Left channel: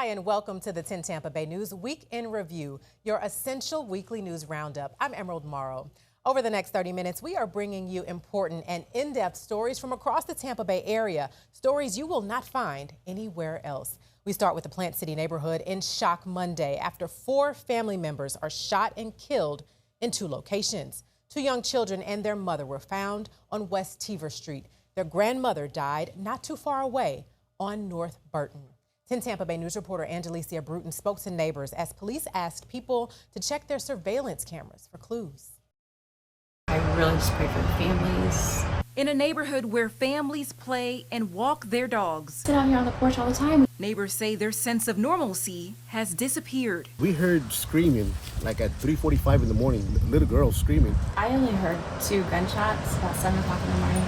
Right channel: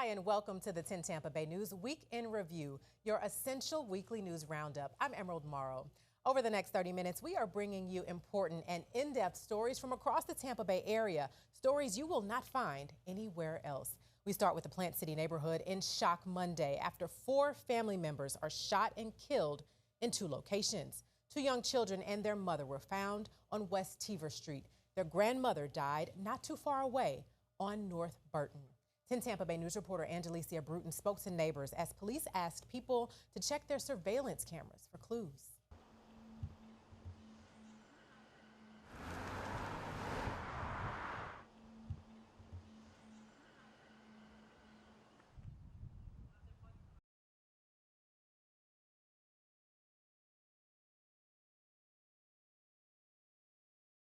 Hi, and welcome to the 10 Tampa Bay News Week in Review, your essential weekly news roundup. I'm Emerald Morrow. Over the next 30 minutes, we are bringing you important and in-depth stories from across the Tampa Bay area, stories you will not find anywhere else. We start with the Plant City neighborhood in shock Monday after 4 family members are shot and killed in 2 locations. 2 young children and their mother were found on West Teaver Street. Their grandmother died not too far away on North Burton. 10 Tampa Bay News reporter Angelicia Bruton spoke to neighbors as police asked people to check their surveillance cameras for clues. I really just pray for the families. In a neighborhood where families play and walk their dogs. Sit out here on the porch all the time. Neighbors say their sense of normalcy has disappeared. We heard screaming like at 3:45 in the morning, little girls screaming. I only heard 2 gunshots about 7 o'clock in the morning,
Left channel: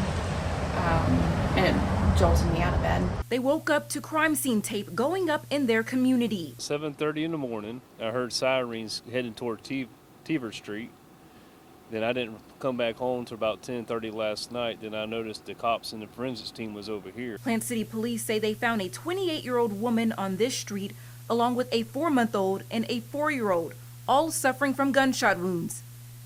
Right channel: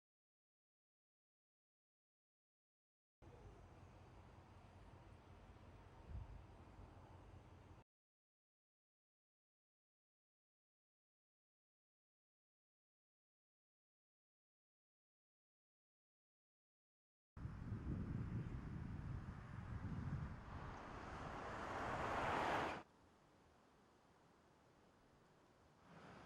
and it jolted me out of bed. They woke up to crime scene tape going up in their community. 7:30 in the morning, I heard sirens heading toward Teaver Street. Then I didn't come back home until about 10:30 last night. Then I noticed the cops and the forensics team was over here. Plant City police say they found a 28-year-old woman on this street, along with a 4-month-old and a 4-year-old, all suffering from gunshot wounds.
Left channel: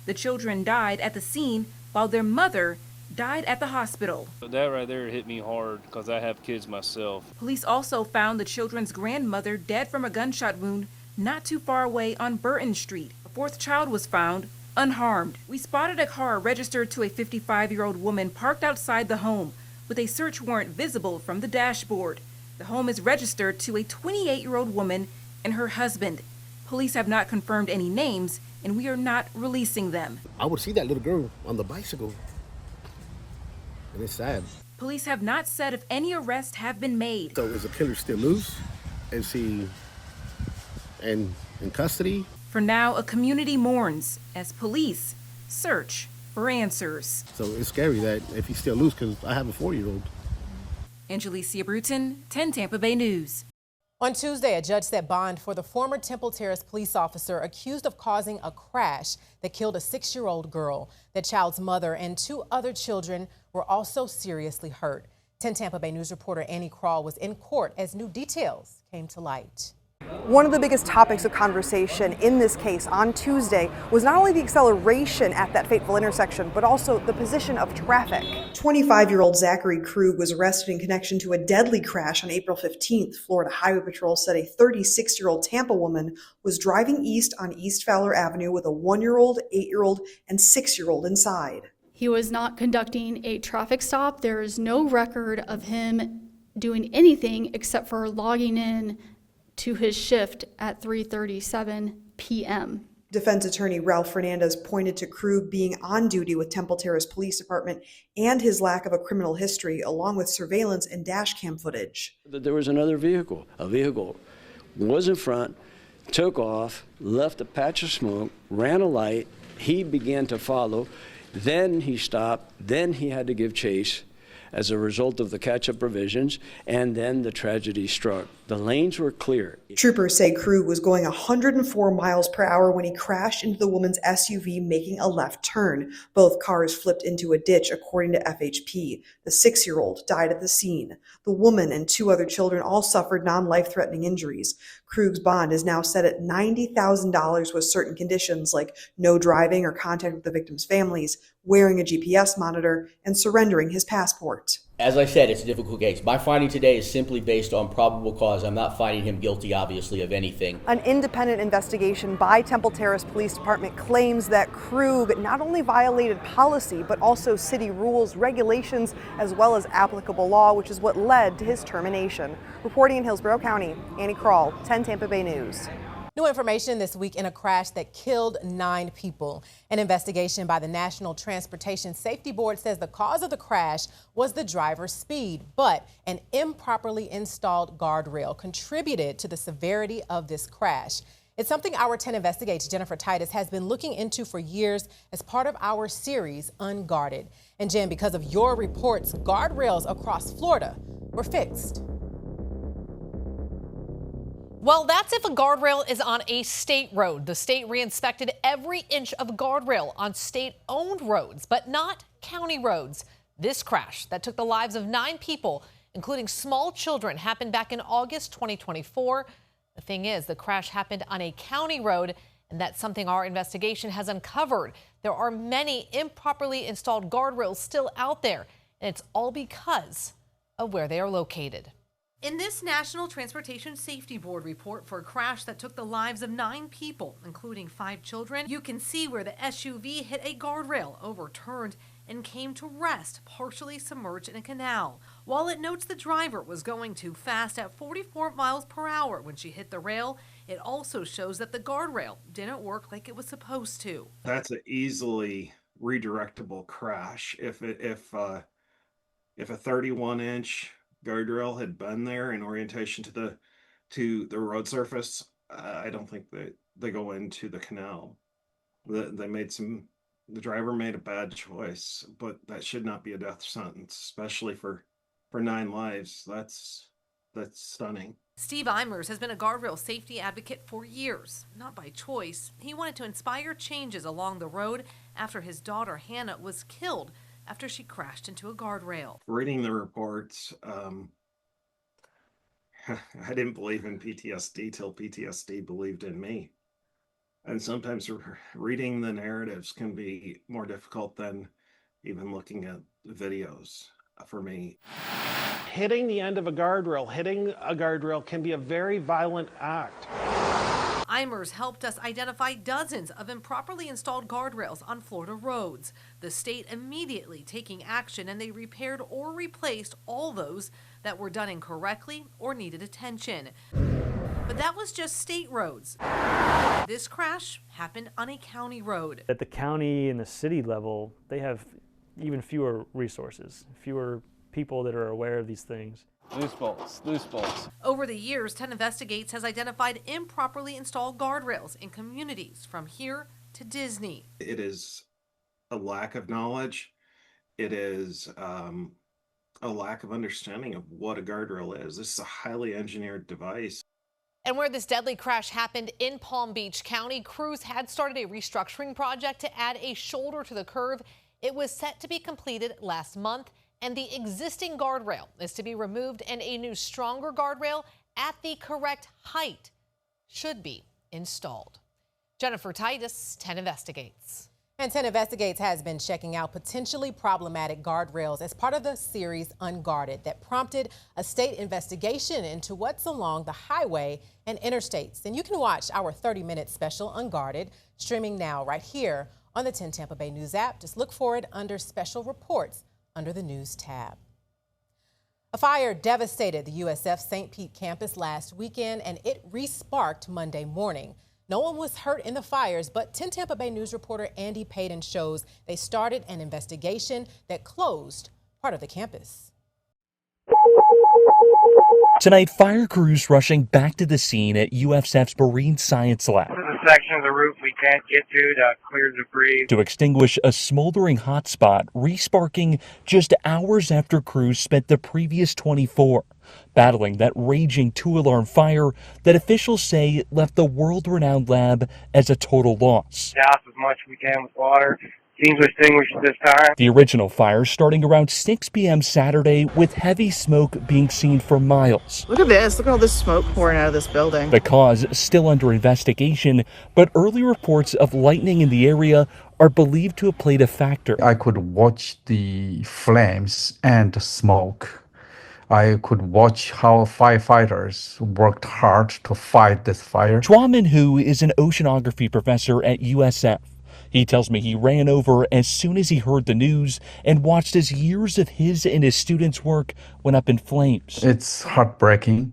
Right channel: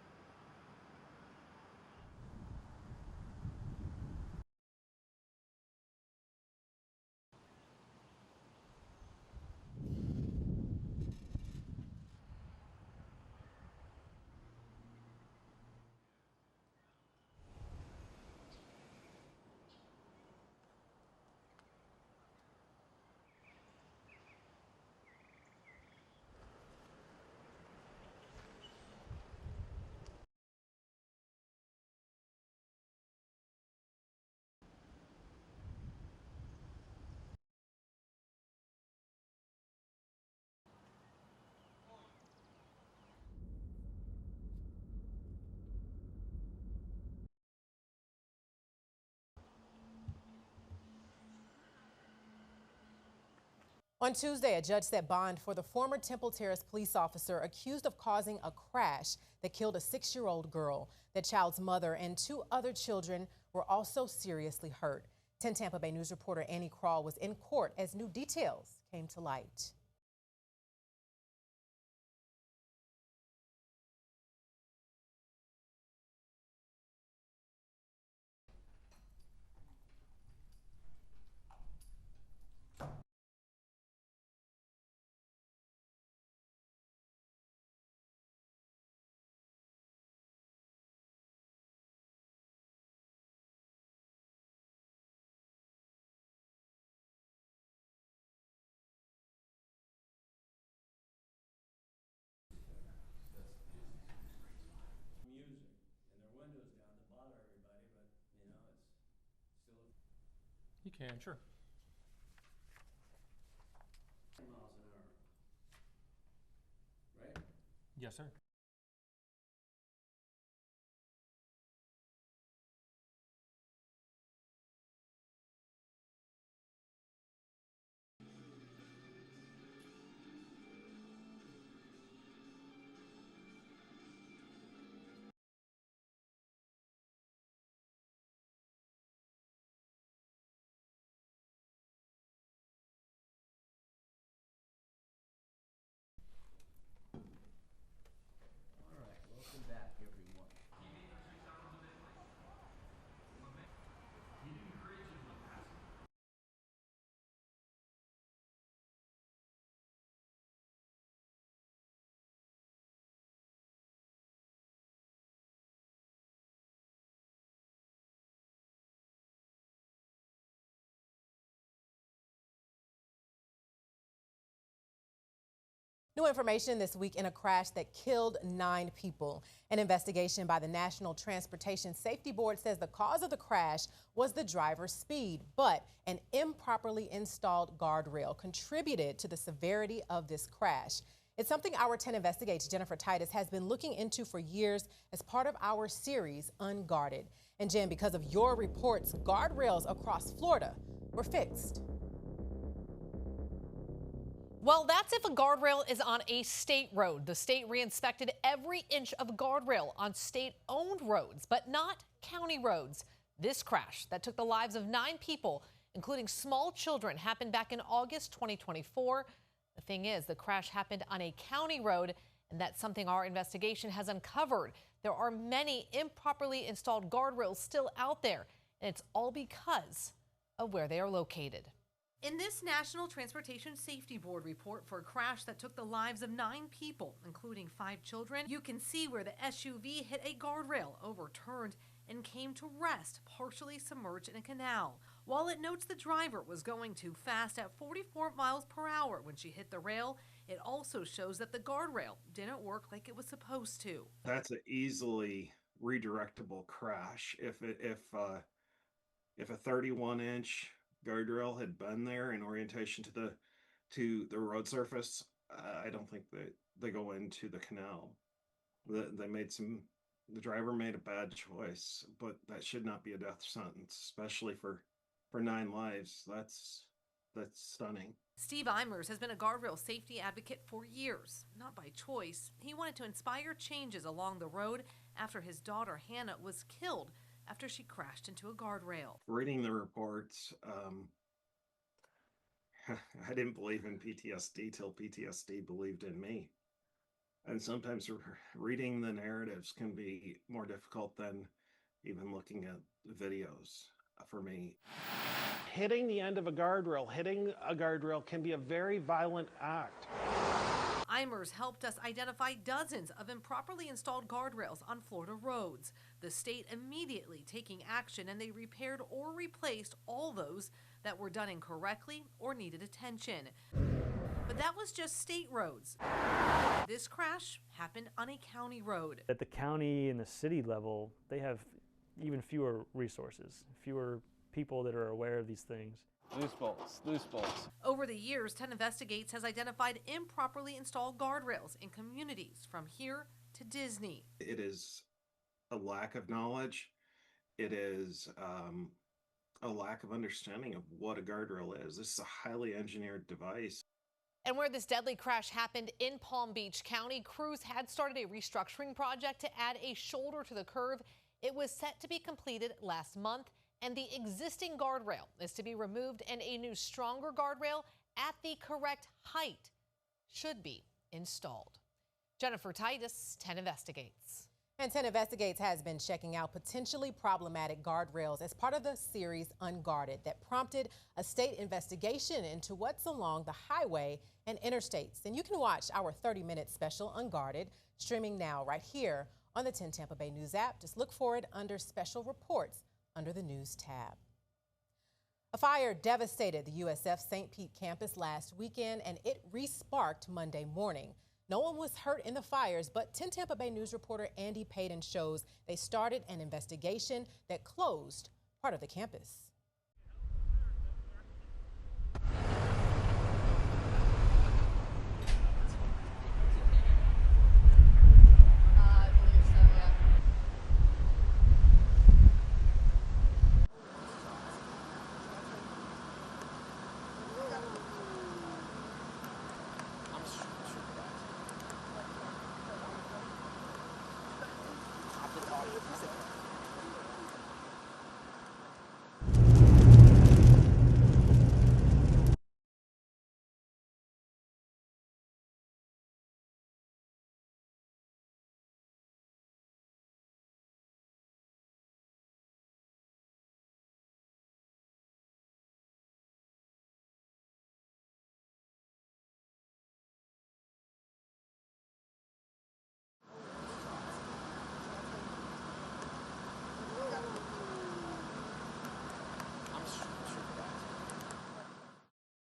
The children died at the scene while their mother died at the hospital. But that right there hit me hard because I have kids myself. Police also found the children's grandmother dead from a gunshot wound not too far away on Burton Street. A 4th child was found unharmed. We spotted a car registered to a 55-year-old woman parked outside the home with a search warrant visible from the dashboard. The home is registered to a 28-year-old woman and her husband. Police have not confirmed any names, and we are not releasing them. I would see that little girl on the bicycle, and it's sad. Police have not said if any arrests have been made. So is the killer still loose? Is he in custody? For now, a community mourns as police search for answers. So it's scary that if he's still loose, because I have a 4-year-old. Angelicia Bruton, 10 Tampa Bay News. On Tuesday, a judge set bond for the former Temple Terrace police officer accused of causing a crash that killed a 6-year-old girl. The child's mother and 2 other children were also seriously hurt. 10 Tampa Bay News reporter Annie Krall was in court as new details came to light. One of the biggest topics of conversation in this case on Tuesday was not only the acceleration at that fateful intersection, but also the position of traffic. 25-year-old Zachary Krug was arrested in connection to a deadly crash on April 15th. Florida Highway Patrol said a 36-year-old Tampa woman was driving east on East Fowler Avenue with a 1-year-old, 8-year-old, and 6-year-old inside. He was not conducting a traffic stop. There is no record of him doing anything except for logging in to his shift at 3:37 p.m. Defense attorney Ralph Fernandez pointed to Krug being on duty with Temple Terrace Police Department and his lack of a criminal history, along with surveillance and dash cam footage. There was another vehicle. A vehicle was in front, took off, left a patch of smoke, ran a light. He began to follow. Then he stopped. Then he had to give chase as a result of the catch-up provisions, and then the tragedy struck. The lanes were clear. Troopers say Krug was going 104 miles per hour when he crashed into the woman's SUV, making a left turn. Both cars flipped into a ditch, according to FHP. The 6-year-old died at the scene. The woman and 2 other children all suffered non-life-threatening injuries. Krug's bond is now set at $90,000 with certain conditions like no driving or contact with the victims' families, wearing a GPS monitor, and surrendering his passport. As I said, it's a difficult case. My finding today is simply based on probable cause. I'm not finding him guilty, obviously, of anything. An independent investigation by Temple Terrace Police Department claims that Krug not only violated policy, but also city rules, regulations, as well as applicable law, which is what led to his termination. Reporting in Hillsborough County, Annie Krall, 10 Tampa Bay News. New information this week in a crash that killed 9 people. An investigation by the National Transportation Safety Board says the cause of the crash was the driver's speed, but an improperly installed guardrail contributed to the severity of this crash. It's something our 10 Investigates Jennifer Titus has been looking into for years as part of our series, Unguarded. And Jen, because of your reports, guardrails across Florida were fixed. Well, that's if a guardrail is on a state road. The state re-inspected every inch of guardrail on state-owned roads, but not county roads. This crash that took the lives of 9 people, including small children, happened back in August 2024. The thing is, the crash happened on a county road, and that's something our investigation has uncovered. There are many improperly installed guardrails still out there, and it's all because of where they are located. In this National Transportation Safety Board report for a crash that took the lives of 9 people, including 5 children, you can see where the SUV hit a guardrail, overturned, and came to rest, partially submerged in a canal. While it notes the driver was going too fast at 44 miles per hour when she hit the rail, it also shows that the guardrail didn't work like it was supposed to. That's an easily redirectable crash. If a 31-inch guardrail had been there in orientation to the road surface, I don't think that they go into the canal. The driver made a bad choice, but that should not be a death sentence, especially for 9 lives. That's stunning. Steve Eimers has been a guardrail safety advocate for years, not by choice. He wanted to inspire changes along the road after his daughter Hannah was killed after she crashed into a guardrail. Reading the reports, I didn't believe in PTSD till PTSD believed in me. And sometimes reading the narratives can be more difficult than even looking at videos for me. Hitting the end of a guardrail can be a very violent act. Eimers helped us identify dozens of improperly installed guardrails on Florida roads. The state immediately taking action, and they repaired or replaced all those that were done incorrectly or needed attention. But that was just state roads. This crash happened on a county road. At the county and the city level, they have even fewer resources, fewer people that are aware of these things. Loose bolts. Over the years, 10 Investigates has identified improperly installed guardrails in communities from here to Disney. It is a lack of knowledge. It is a lack of understanding of what a guardrail is. This is a highly engineered device. And where this deadly crash happened in Palm Beach County, crews had started a restructuring project to add a shoulder to the curve. It was set to be completed last month, and the existing guardrail is to be removed, and a new, stronger guardrail at the correct height should be installed. Jennifer Titus, 10 Investigates. And 10 Investigates has been checking out potentially problematic guardrails as part of the series Unguarded that prompted a state investigation into what's along the highway and interstates. And you can watch our 30-minute special Unguarded streaming now right here on the 10 Tampa Bay News app. Just look for it under Special Reports under the News tab. A fire devastated the USF St. Pete campus last weekend, and it re-sparked Monday morning. No one was hurt in the fires, but 10 Tampa Bay News reporter Andy Payton shows they started an investigation that closed part of the campus. Tonight, fire crews rushing back to the scene at USF's Marine Science Lab. This is a section of the roof we can't get to clear debris. To extinguish a smoldering hotspot, re-sparking just hours after crews spent the previous 24 battling that raging 2-alarm fire that officials say left the world-renowned lab as a total loss. Doused as much as we can with water. Seems extinguished at this time. The original fire starting around 6 p.m. Saturday with heavy smoke being seen for miles. Look at this. Look at all this smoke pouring out of this building. The cause still under investigation, but early reports of lightning in the area are believed to have played a factor. I could watch the flames and the smoke. I could watch how firefighters worked hard to fight this fire. Chua Min-hu is an oceanography professor at USF. He tells me he ran over as soon as he heard the news and watched as years of his and his students' work went up in flames. It's heartbreaking.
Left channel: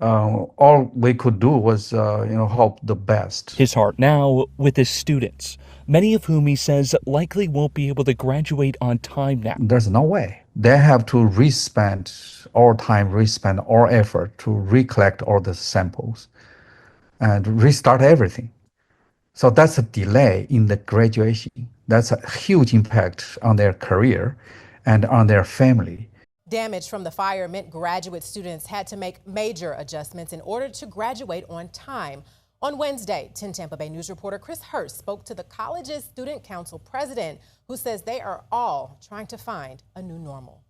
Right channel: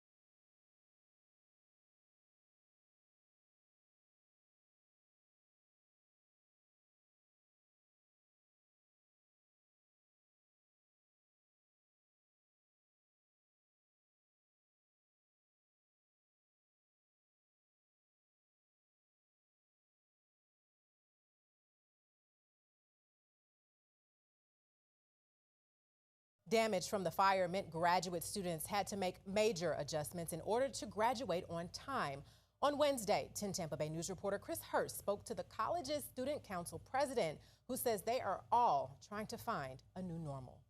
All we could do was, hope the best. His heart now with his students, many of whom he says likely won't be able to graduate on time now. There's no way. They have to re-spend all time, re-spend all effort to recollect all the samples and restart everything. So that's a delay in the graduation. That's a huge impact on their career and on their family. Damage from the fire meant graduate students had to make major adjustments in order to graduate on time. On Wednesday, 10 Tampa Bay News reporter Chris Hurst spoke to the college's Student Council president, who says they are all trying to find a new normal.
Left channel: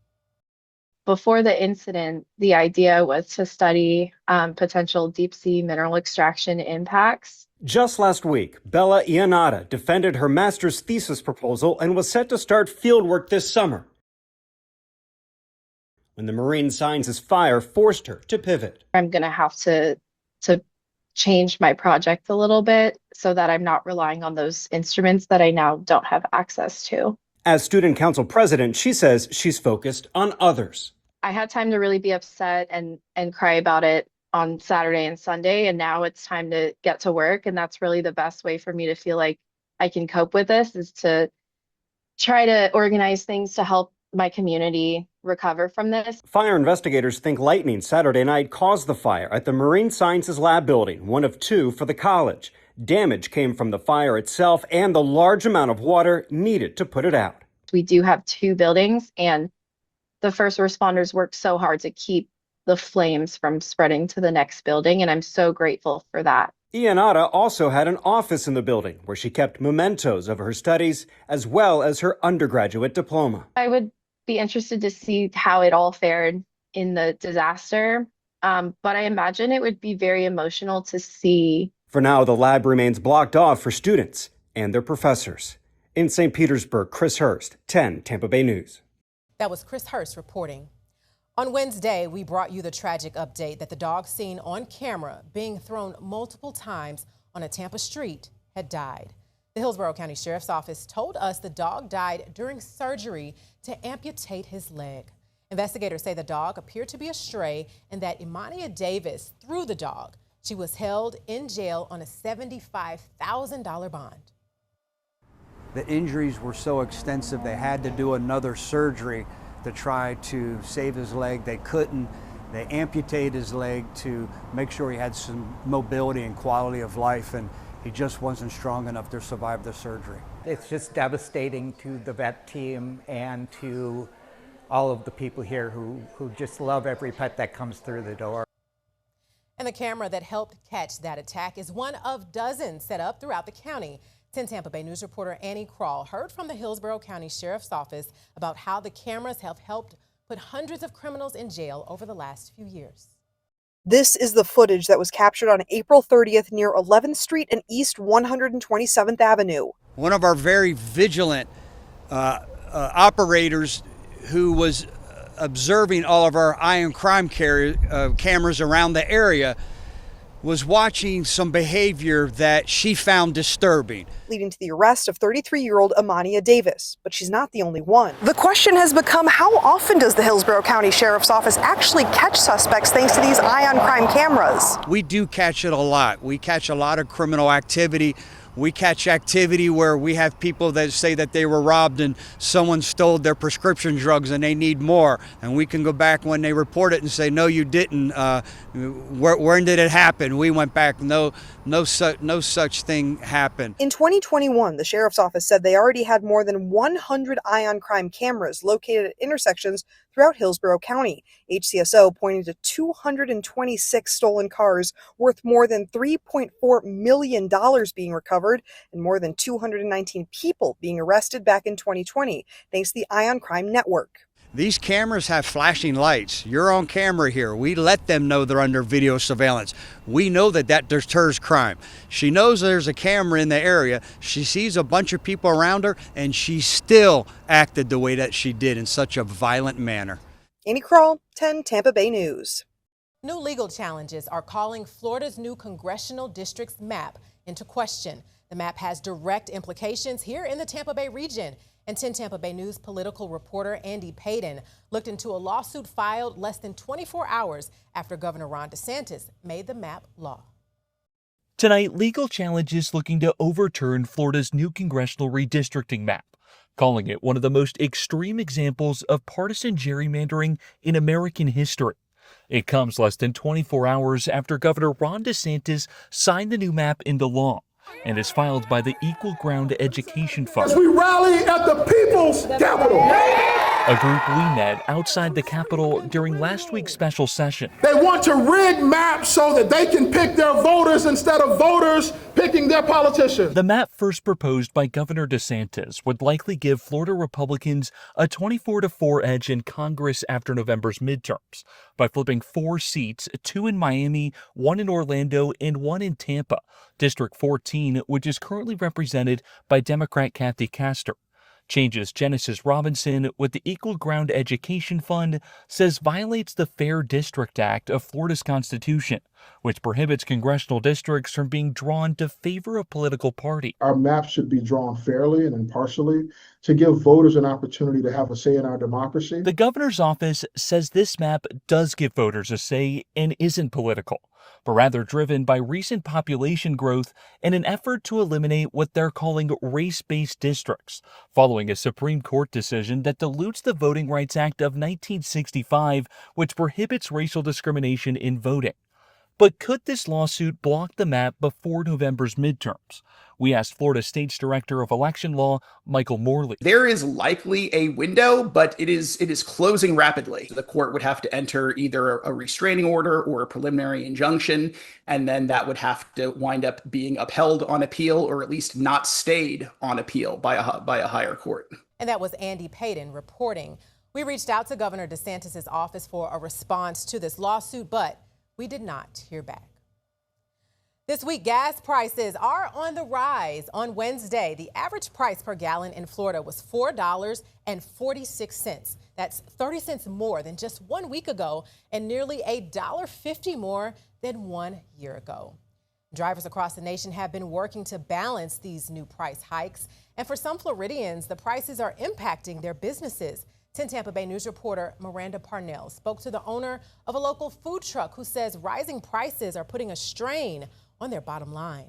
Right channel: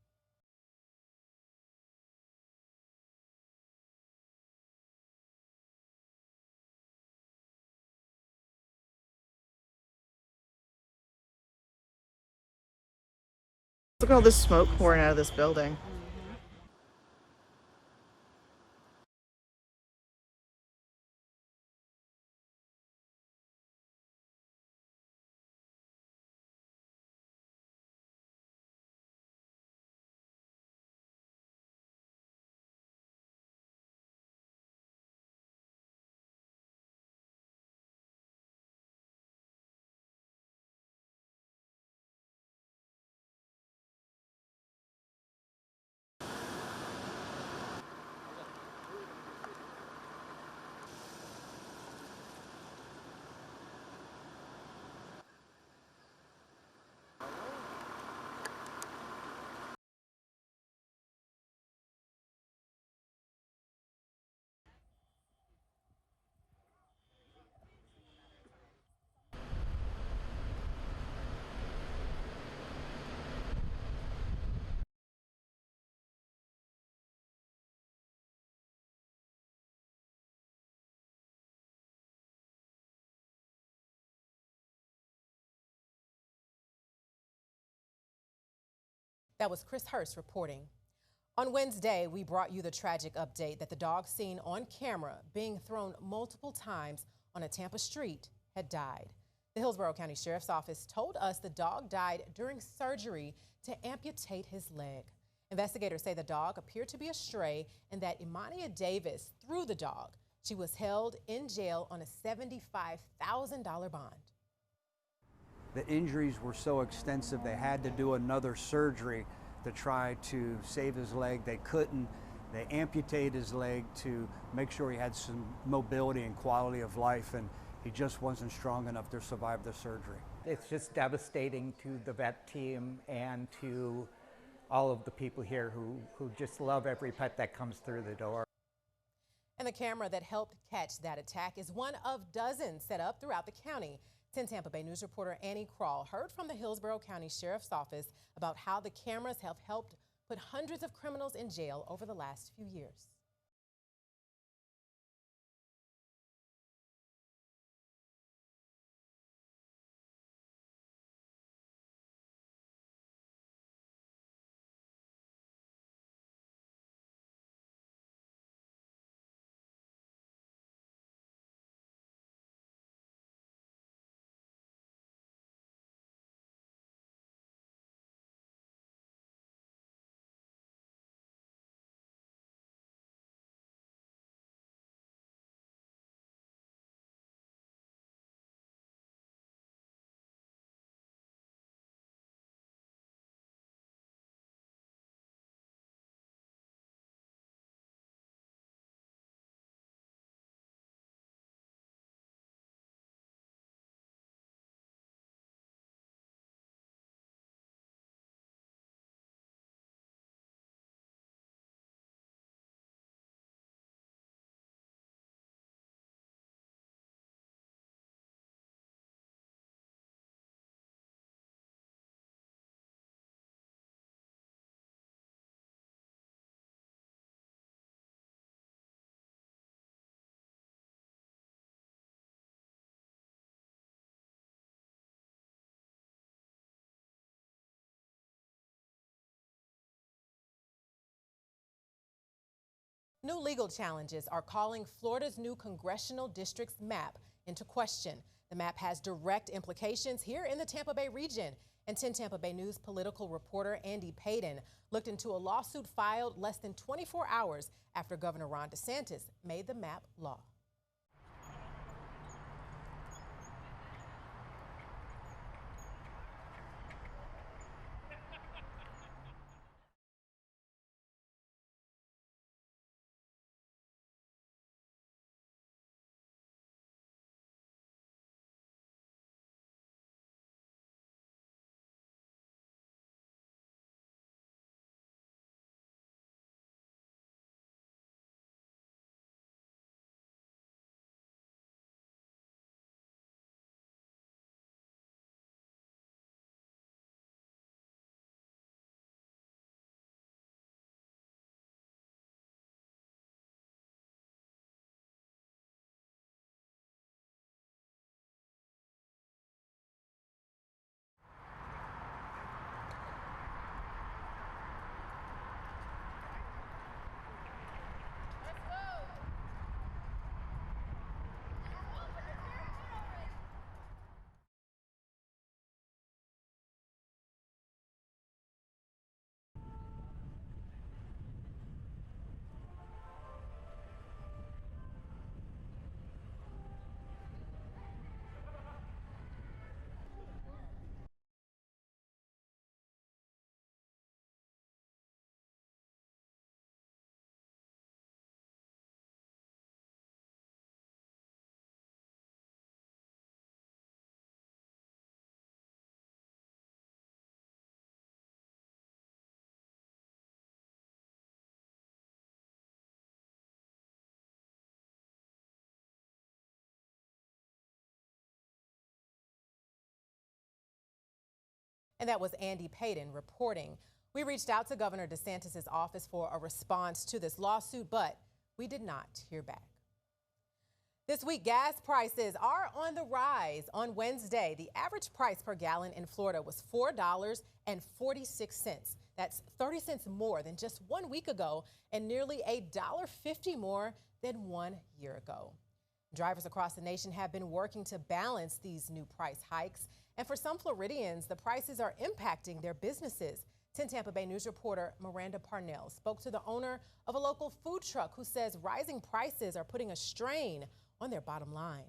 Before the incident, the idea was to study potential deep sea mineral extraction impacts. Just last week, Bella Iannata defended her master's thesis proposal and was set to start fieldwork this summer. Look at all this smoke pouring out of this building. And the marine sciences fire forced her to pivot. I'm going to have to change my project a little bit so that I'm not relying on those instruments that I now don't have access to. As student council president, she says she's focused on others. I had time to really be upset and cry about it on Saturday and Sunday, and now it's time to get to work. And that's really the best way for me to feel like I can cope with this, is to try to organize things to help my community recover from this. Fire investigators think lightning Saturday night caused the fire at the Marine Sciences Lab building, one of two for the college. Damage came from the fire itself and the large amount of water needed to put it out. We do have two buildings, and the first responders worked so hard to keep the flames from spreading to the next building, and I'm so grateful for that. Iannata also had an office in the building where she kept mementos of her studies as well as her undergraduate diploma. I would be interested to see how it all fared in the disaster, but I imagine it would be very emotional to see. For now, the lab remains blocked off for students and their professors. In St. Petersburg, Chris Hurst, 10 Tampa Bay News. That was Chris Hurst reporting. On Wednesday, we brought you the tragic update that the dog seen on camera being thrown multiple times on a Tampa street had died. The Hillsborough County Sheriff's Office told us the dog died during surgery to amputate his leg. Investigators say the dog appeared to be a stray and that Imania Davis threw the dog. She was held in jail on a $75,000 bond. The injuries were so extensive they had to do another surgery to try to save his leg. They couldn't. They amputated his leg to make sure he had some mobility and quality of life, and he just wasn't strong enough to survive the surgery. It's just devastating to the vet team and to all of the people here who just love every pet that comes through the door. And the camera that helped catch that attack is one of dozens set up throughout the county. 10 Tampa Bay News reporter Annie Krall heard from the Hillsborough County Sheriff's Office about how the cameras have helped put hundreds of criminals in jail over the last few years. This is the footage that was captured on April 30th near 11th Street and East 127th Avenue. One of our very vigilant operators who was observing all of our eye on crime cameras around the area was watching some behavior that she found disturbing, leading to the arrest of 33-year-old Imania Davis. But she's not the only one. The question has become, how often does the Hillsborough County Sheriff's Office actually catch suspects thanks to these eye on crime cameras? We do catch it a lot. We catch a lot of criminal activity. We catch activity where we have people that say that they were robbed and someone stole their prescription drugs and they need more. And we can go back when they report it and say, no, you didn't. When did it happen? We went back, no such thing happened. In 2021, the Sheriff's Office said they already had more than 100 eye on crime cameras located at intersections throughout Hillsborough County. HCSO pointing to 226 stolen cars worth more than $3.4 million being recovered and more than 219 people being arrested back in 2020, thanks to the Eye on Crime Network. These cameras have flashing lights. You're on camera here. We let them know they're under video surveillance. We know that deters crime. She knows there's a camera in the area. She sees a bunch of people around her, and she still acted the way that she did in such a violent manner. Annie Krall, 10 Tampa Bay News. New legal challenges are calling Florida's new congressional district's map into question. The map has direct implications here in the Tampa Bay region. And 10 Tampa Bay News political reporter Andy Payton looked into a lawsuit filed less than 24 hours after Governor Ron DeSantis made the map law. Tonight, legal challenges looking to overturn Florida's new congressional redistricting map, calling it one of the most extreme examples of partisan gerrymandering in American history. It comes less than 24 hours after Governor Ron DeSantis signed the new map into law and is filed by the Equal Ground Education Fund. As we rally at the people's capital. a group we met outside the Capitol during last week's special session. They want to rig maps so that they can pick their voters instead of voters picking their politicians. The map first proposed by Governor DeSantis would likely give Florida Republicans a 24-4 edge in Congress after November's midterms by flipping 4 seats, 2 in Miami, 1 in Orlando, and 1 in Tampa, District 14, which is currently represented by Democrat Kathy Castor. Changes Genesis Robinson with the Equal Ground Education Fund says violates the Fair District Act of Florida's Constitution, which prohibits congressional districts from being drawn to favor a political party. Our maps should be drawn fairly and impartially to give voters an opportunity to have a say in our democracy. The governor's office says this map does give voters a say and isn't political, but rather driven by recent population growth and an effort to eliminate what they're calling race-based districts, following a Supreme Court decision that dilutes the Voting Rights Act of 1965, which prohibits racial discrimination in voting. But could this lawsuit block the map before November's midterms? We asked Florida State's Director of Election Law, Michael Morley. There is likely a window, but it is closing rapidly. The court would have to enter either a restraining order or a preliminary injunction, and then that would have to wind up being upheld on appeal, or at least not stayed on appeal by a higher court. And that was Andy Payton reporting. We reached out to Governor DeSantis' office for a response to this lawsuit, but we did not hear back. This week, gas prices are on the rise. On Wednesday, the average price per gallon in Florida was $4.46. That's 30 cents more than just 1 week ago and nearly $1.50 more than 1 year ago. Drivers across the nation have been working to balance these new price hikes. And for some Floridians, the prices are impacting their businesses. 10 Tampa Bay News reporter Miranda Parnell spoke to the owner of a local food truck who says rising prices are putting a strain on their bottom line.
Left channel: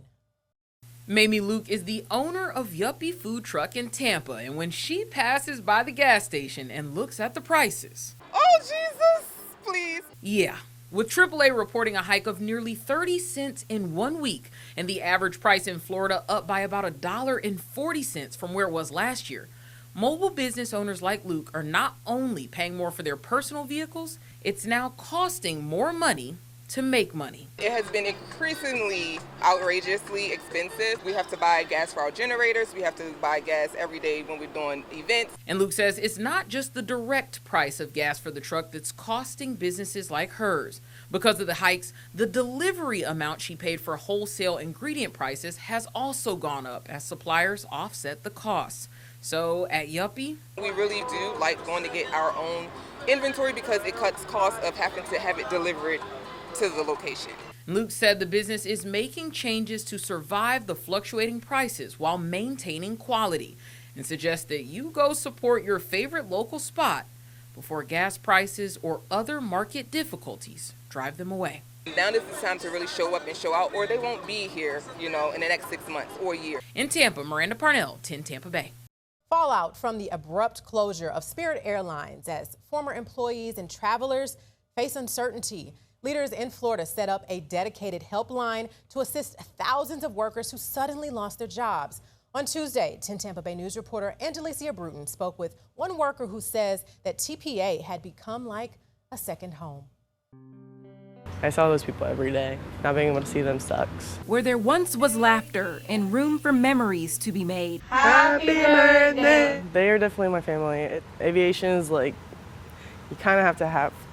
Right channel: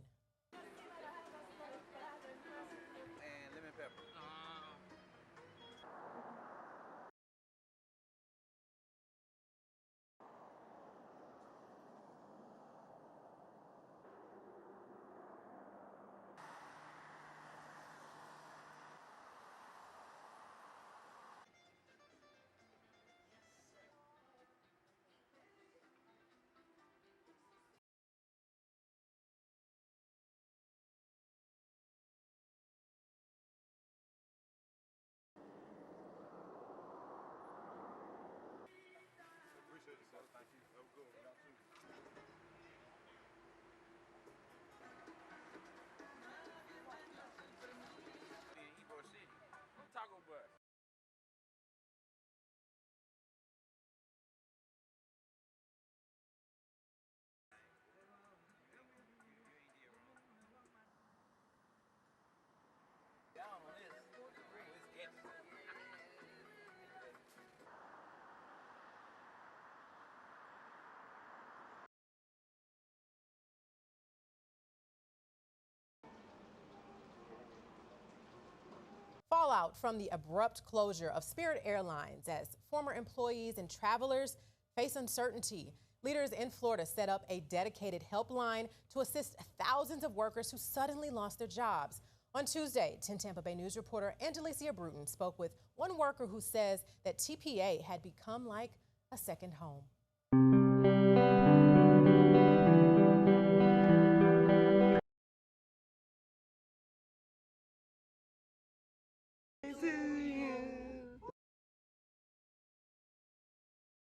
Mamie Luke is the owner of Yuppie Food Truck in Tampa, and when she passes by the gas station and looks at the prices. Oh, Jesus, please. Yeah, with AAA reporting a hike of nearly 30 cents in 1 week, and the average price in Florida up by about $1.40 from where it was last year. Mobile business owners like Luke are not only paying more for their personal vehicles, it's now costing more money to make money. It has been increasingly outrageously expensive. We have to buy gas for our generators. We have to buy gas every day when we're doing events. And Luke says it's not just the direct price of gas for the truck that's costing businesses like hers. Because of the hikes, the delivery amount she paid for wholesale ingredient prices has also gone up as suppliers offset the costs. So at Yuppie, we really do like going to get our own inventory because it cuts costs of having to have it delivered to the location. Luke said the business is making changes to survive the fluctuating prices while maintaining quality, and suggests that you go support your favorite local spot before gas prices or other market difficulties drive them away. Now is the time to really show up and show out, or they won't be here, in the next 6 months or a year. In Tampa, Miranda Parnell, 10 Tampa Bay. Fallout from the abrupt closure of Spirit Airlines as former employees and travelers face uncertainty. Leaders in Florida set up a dedicated helpline to assist thousands of workers who suddenly lost their jobs. On Tuesday, 10 Tampa Bay News reporter Angelicia Bruton spoke with one worker who says that TPA had become like a second home. I saw those people every day. Not being able to see them sucks. Where there once was laughter and room for memories to be made. Happy birthday! They are definitely my family. Aviation is like, you kind of have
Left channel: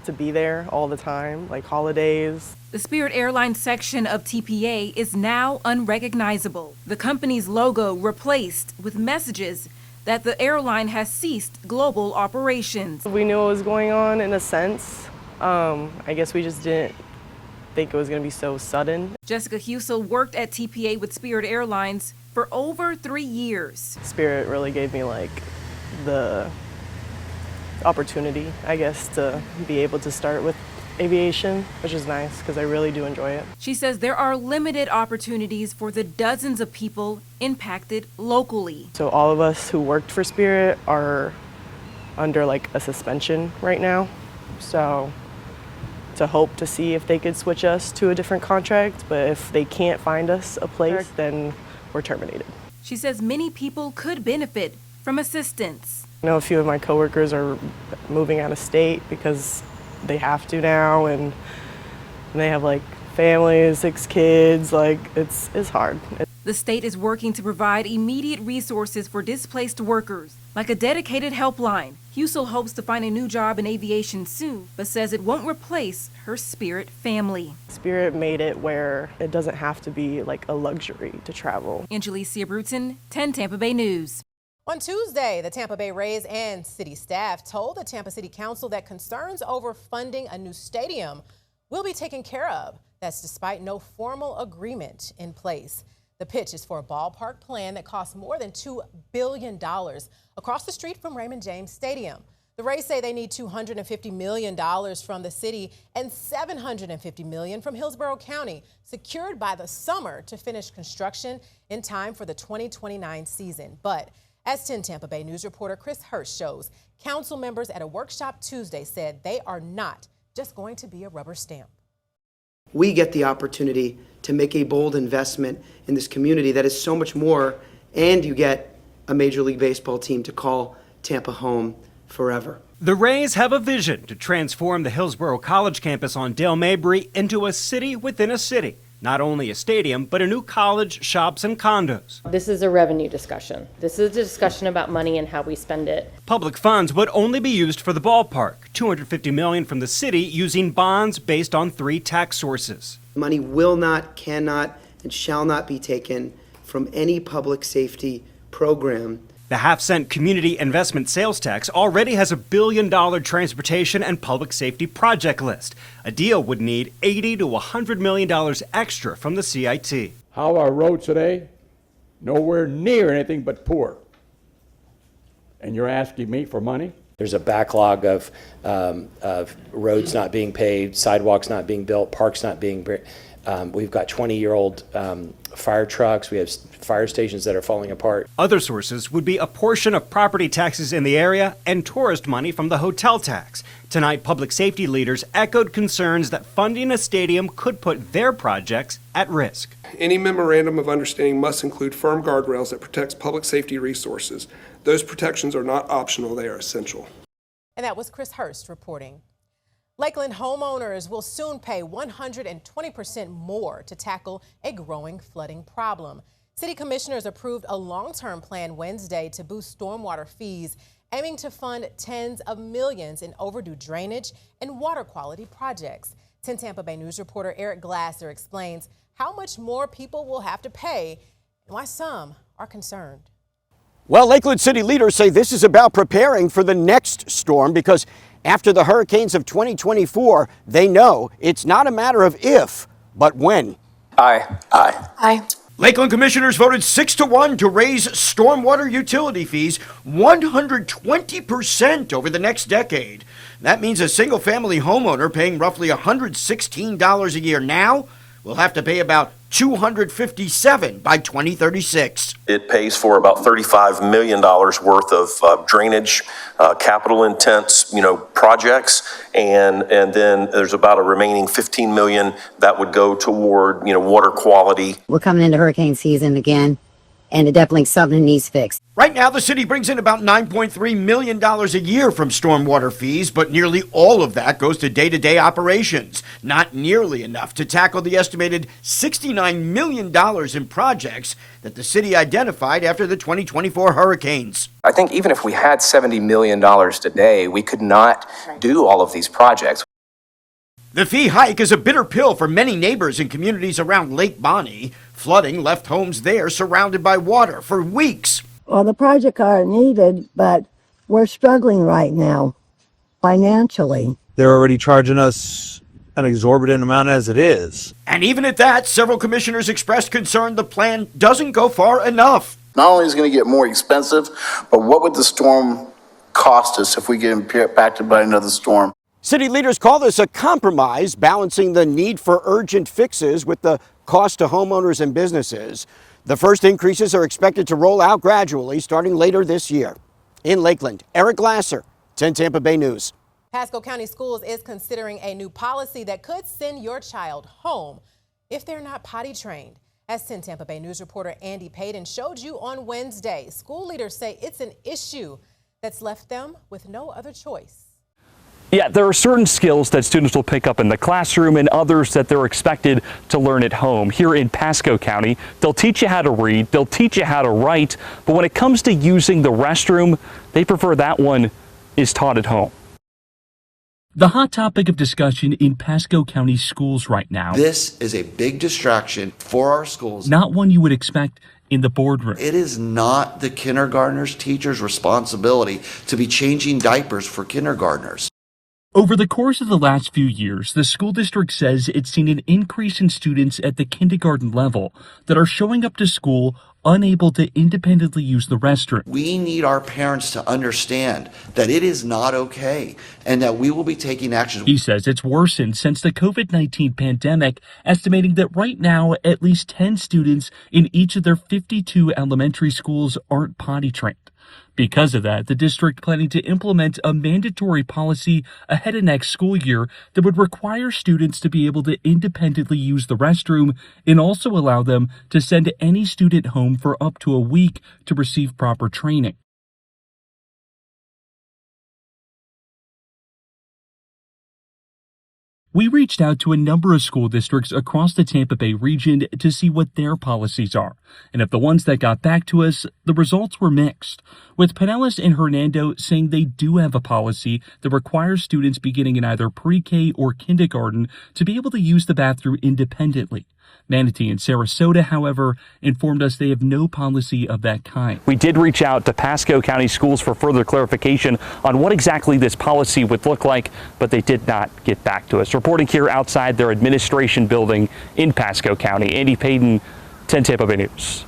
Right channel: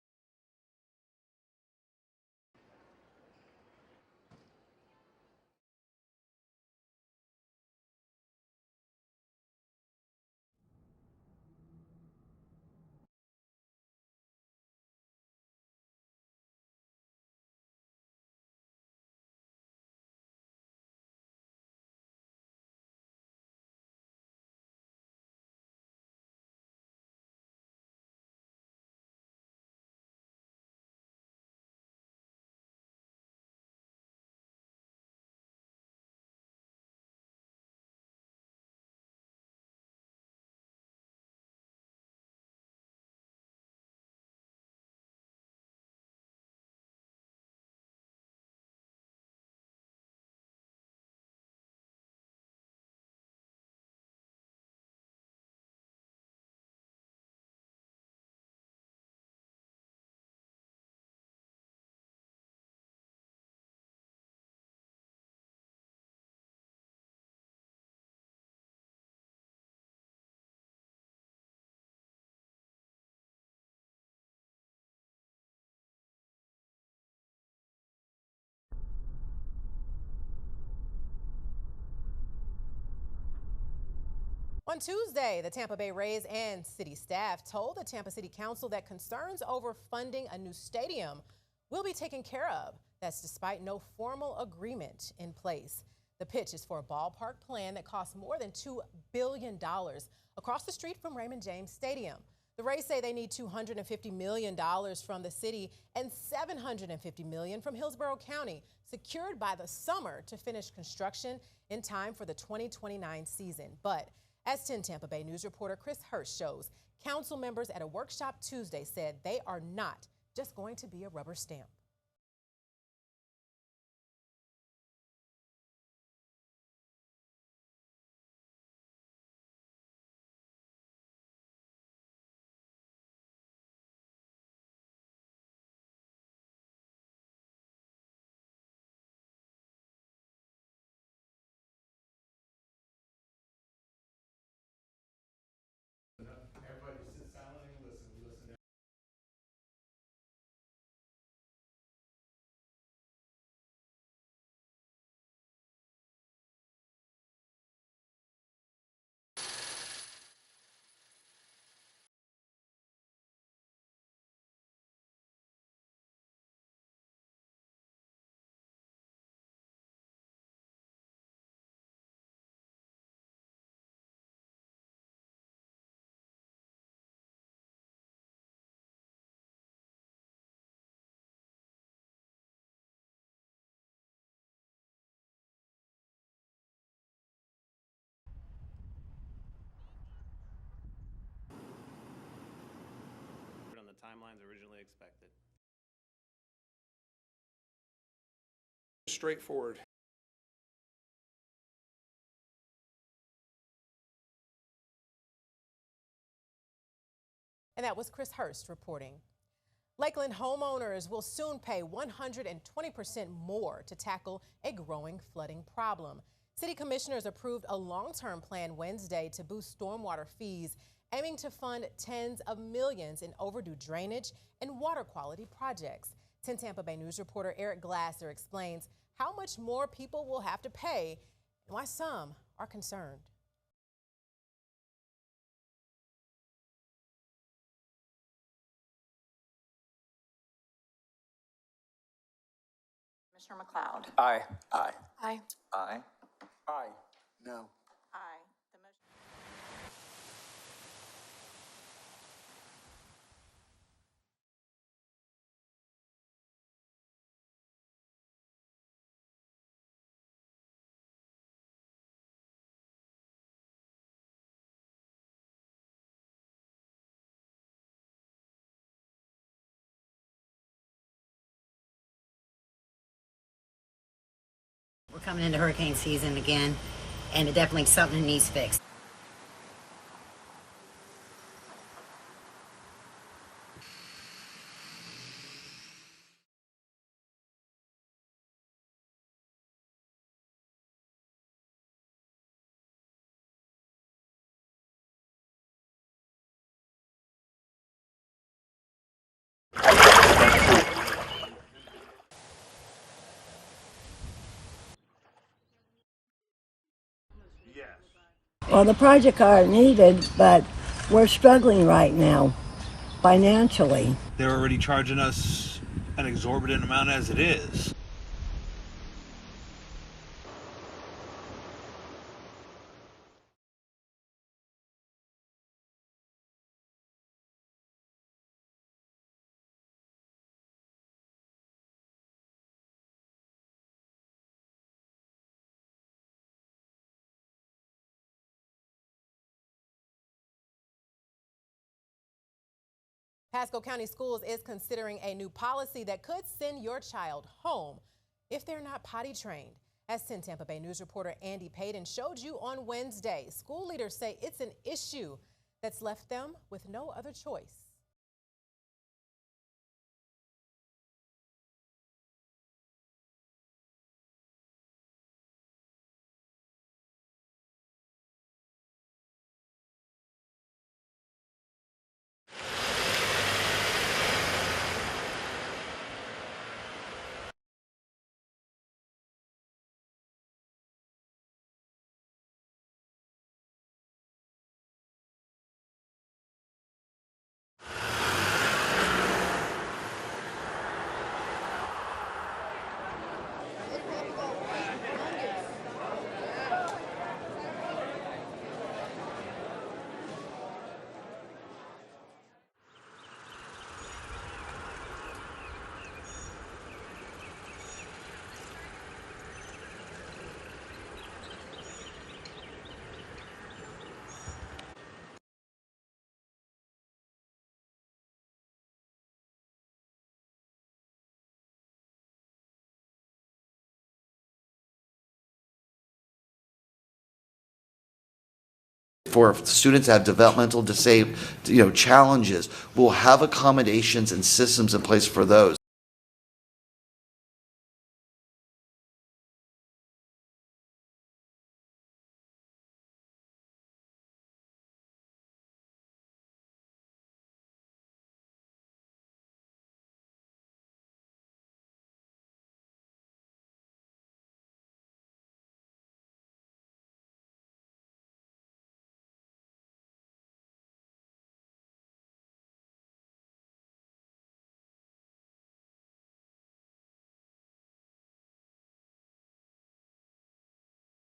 to be there all the time, like holidays. The Spirit Airlines section of TPA is now unrecognizable. The company's logo replaced with messages that the airline has ceased global operations. We knew what was going on in a sense. I guess we just didn't think it was going to be so sudden. Jessica Husel worked at TPA with Spirit Airlines for over 3 years. Spirit really gave me like the opportunity, I guess, to be able to start with aviation, which is nice because I really do enjoy it. She says there are limited opportunities for the dozens of people impacted locally. So all of us who worked for Spirit are under like a suspension right now. So to hope to see if they could switch us to a different contract, but if they can't find us a place, then we're terminated. She says many people could benefit from assistance. I know a few of my coworkers are moving out of state because they have to now, and they have like families, 6 kids. Like it's hard. The state is working to provide immediate resources for displaced workers, like a dedicated helpline. Husel hopes to find a new job in aviation soon, but says it won't replace her Spirit family. Spirit made it where it doesn't have to be like a luxury to travel. Angelicia Bruton, 10 Tampa Bay News. On Tuesday, the Tampa Bay Rays and city staff told the Tampa City Council that concerns over funding a new stadium will be taken care of. That's despite no formal agreement in place. The pitch is for a ballpark plan that costs more than $2 billion across the street from Raymond James Stadium. The Rays say they need $250 million from the city and $750 million from Hillsborough County, secured by the summer to finish construction in time for the 2029 season. But as 10 Tampa Bay News reporter Chris Hurst shows, council members at a workshop Tuesday said they are not just going to be a rubber stamp. We get the opportunity to make a bold investment in this community that is so much more, and you get a Major League Baseball team to call Tampa home forever. The Rays have a vision to transform the Hillsborough College campus on Dale Mabry into a city within a city. Not only a stadium, but a new college, shops, and condos. This is a revenue discussion. This is a discussion about money and how we spend it. Public funds would only be used for the ballpark. $250 million from the city using bonds based on 3 tax sources. Money will not, cannot, and shall not be taken from any public safety program. The half-cent community investment sales tax already has a $1 billion transportation and public safety project list. A deal would need $80 to $100 million extra from the CIT. How are roads today? Nowhere near anything but poor. And you're asking me for money? There's a backlog of roads not being paved, sidewalks not being built, parks not being built. We've got 20-year-old fire trucks. We have fire stations that are falling apart. Other sources would be a portion of property taxes in the area and tourist money from the hotel tax. Tonight, public safety leaders echoed concerns that funding a stadium could put their projects at risk. Any memorandum of understanding must include firm guardrails that protects public safety resources. Those protections are not optional, they are essential. And that was Chris Hurst reporting. Lakeland homeowners will soon pay 120% more to tackle a growing flooding problem. City commissioners approved a long-term plan Wednesday to boost stormwater fees, aiming to fund tens of millions in overdue drainage and water quality projects. 10 Tampa Bay News reporter Eric Glasser explains how much more people will have to pay and why some are concerned. Well, Lakeland city leaders say this is about preparing for the next storm because after the hurricanes of 2024, they know it's not a matter of if, but when. Aye. Aye. Aye. Lakeland commissioners voted 6-1 to raise stormwater utility fees 120% over the next decade. That means a single-family homeowner paying roughly $116 a year now will have to pay about $257 by 2036. It pays for about $35 million worth of drainage, capital intense, projects, and then there's about a remaining $15 million that would go toward, water quality. We're coming into hurricane season again, and it definitely something needs fixed. Right now, the city brings in about $9.3 million a year from stormwater fees, but nearly all of that goes to day-to-day operations. Not nearly enough to tackle the estimated $69 million in projects that the city identified after the 2024 hurricanes. I think even if we had $70 million today, we could not do all of these projects. The fee hike is a bitter pill for many neighbors in communities around Lake Bonny. Flooding left homes there surrounded by water for weeks. Well, the projects are needed, but we're struggling right now financially. They're already charging us an exorbitant amount as it is. And even at that, several commissioners expressed concern the plan doesn't go far enough. Not only is it going to get more expensive, but what would the storm cost us if we get impacted by another storm? City leaders call this a compromise, balancing the need for urgent fixes with the cost to homeowners and businesses. The first increases are expected to roll out gradually starting later this year. In Lakeland, Eric Glasser, 10 Tampa Bay News. Pasco County Schools is considering a new policy that could send your child home if they're not potty trained. As 10 Tampa Bay News reporter Andy Payton showed you on Wednesday, school leaders say it's an issue that's left them with no other choice. Yeah, there are certain skills that students will pick up in the classroom and others that they're expected to learn at home. Here in Pasco County, they'll teach you how to read, they'll teach you how to write, but when it comes to using the restroom, they prefer that one is taught at home. The hot topic of discussion in Pasco County schools right now. This is a big distraction for our schools. Not one you would expect in the boardroom. It is not the kindergartners' teachers' responsibility to be changing diapers for kindergartners. Over the course of the last few years, the school district says it's seen an increase in students at the kindergarten level that are showing up to school unable to independently use the restroom. We need our parents to understand that it is not okay and that we will be taking action. He says it's worsened since the COVID-19 pandemic, estimating that right now at least 10 students in each of their 52 elementary schools aren't potty trained. Because of that, the district planning to implement a mandatory policy ahead of next school year that would require students to be able to independently use the restroom and also allow them to send any student home for up to a week to receive proper training. For students that have developmental challenges, we'll have accommodations and systems in place for those. We reached out to a number of school districts across the Tampa Bay region to see what their policies are. And of the ones that got back to us, the results were mixed, with Pinellas and Hernando saying they do have a policy that requires students beginning in either pre-K or kindergarten to be able to use the bathroom independently. Manatee and Sarasota, however, informed us they have no policy of that kind. We did reach out to Pasco County Schools for further clarification on what exactly this policy would look like, but they did not get back to us. Reporting here outside their administration building in Pasco County, Andy Payton, 10 Tampa Bay News.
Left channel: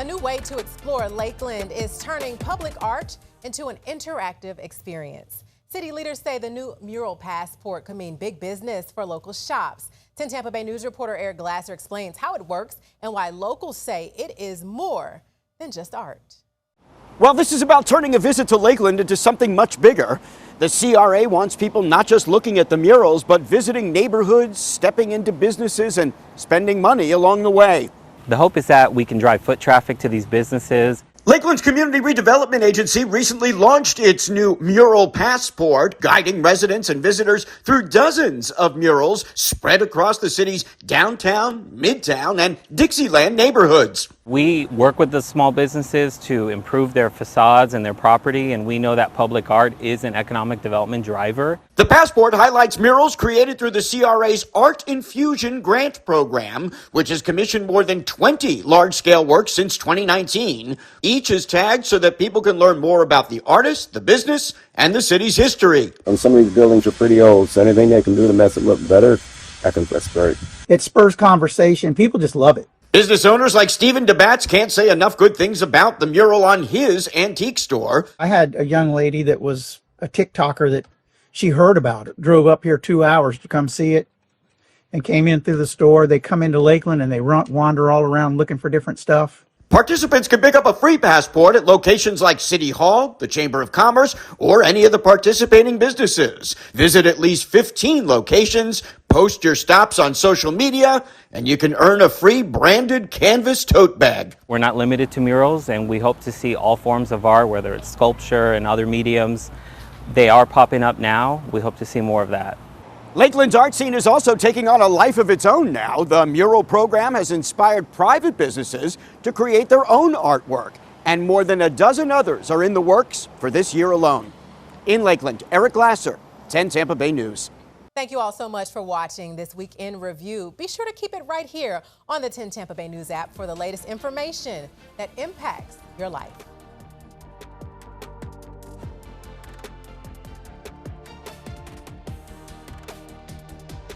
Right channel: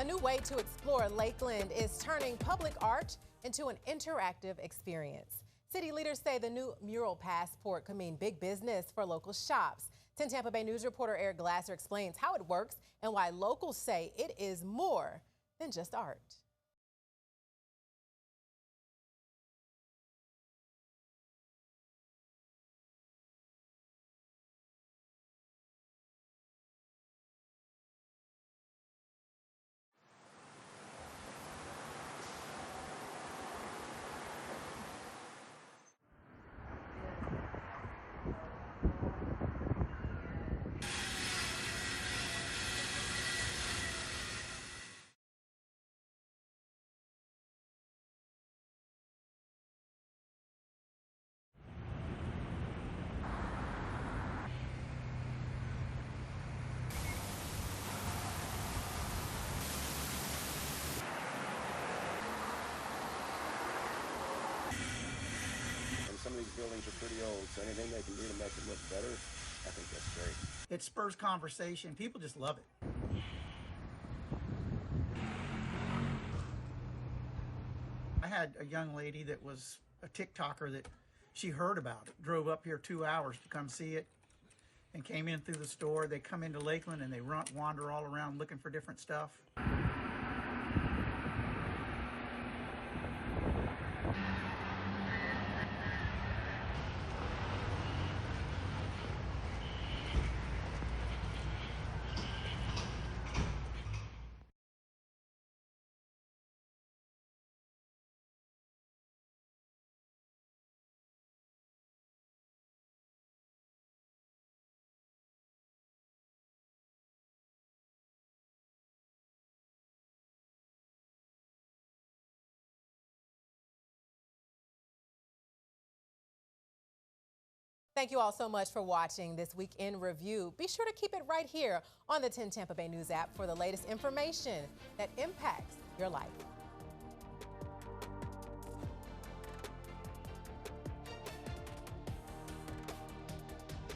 A new way to explore Lakeland is turning public art into an interactive experience. City leaders say the new mural passport could mean big business for local shops. 10 Tampa Bay News reporter Eric Glasser explains how it works and why locals say it is more than just art. Well, this is about turning a visit to Lakeland into something much bigger. The CRA wants people not just looking at the murals, but visiting neighborhoods, stepping into businesses, and spending money along the way. The hope is that we can drive foot traffic to these businesses. Lakeland's Community Redevelopment Agency recently launched its new Mural Passport, guiding residents and visitors through dozens of murals spread across the city's downtown, midtown, and Dixieland neighborhoods. We work with the small businesses to improve their facades and their property, and we know that public art is an economic development driver. The passport highlights murals created through the CRA's Art Infusion grant program, which has commissioned more than 20 large-scale works since 2019. Each is tagged so that people can learn more about the artist, the business, and the city's history. And some of these buildings are pretty old, so anything they can do to make it look better, that's great. It spurs conversation. People just love it. Business owners like Stephen DeBatz can't say enough good things about the mural on his antique store. I had a young lady that was a TikToker that she heard about it, drove up here 2 hours to come see it, and came in through the store. They come into Lakeland and they wander all around looking for different stuff. Participants can pick up a free passport at locations like City Hall, the Chamber of Commerce, or any of the participating businesses. Visit at least 15 locations, post your stops on social media, and you can earn a free branded canvas tote bag. We're not limited to murals, and we hope to see all forms of art, whether it's sculpture and other mediums. They are popping up now. We hope to see more of that. Lakeland's art scene is also taking on a life of its own now. The mural program has inspired private businesses to create their own artwork, and more than a dozen others are in the works for this year alone. In Lakeland, Eric Glasser, 10 Tampa Bay News. Thank you all so much for watching this Week in Review. Be sure to keep it right here on the 10 Tampa Bay News app for the latest information that impacts your life.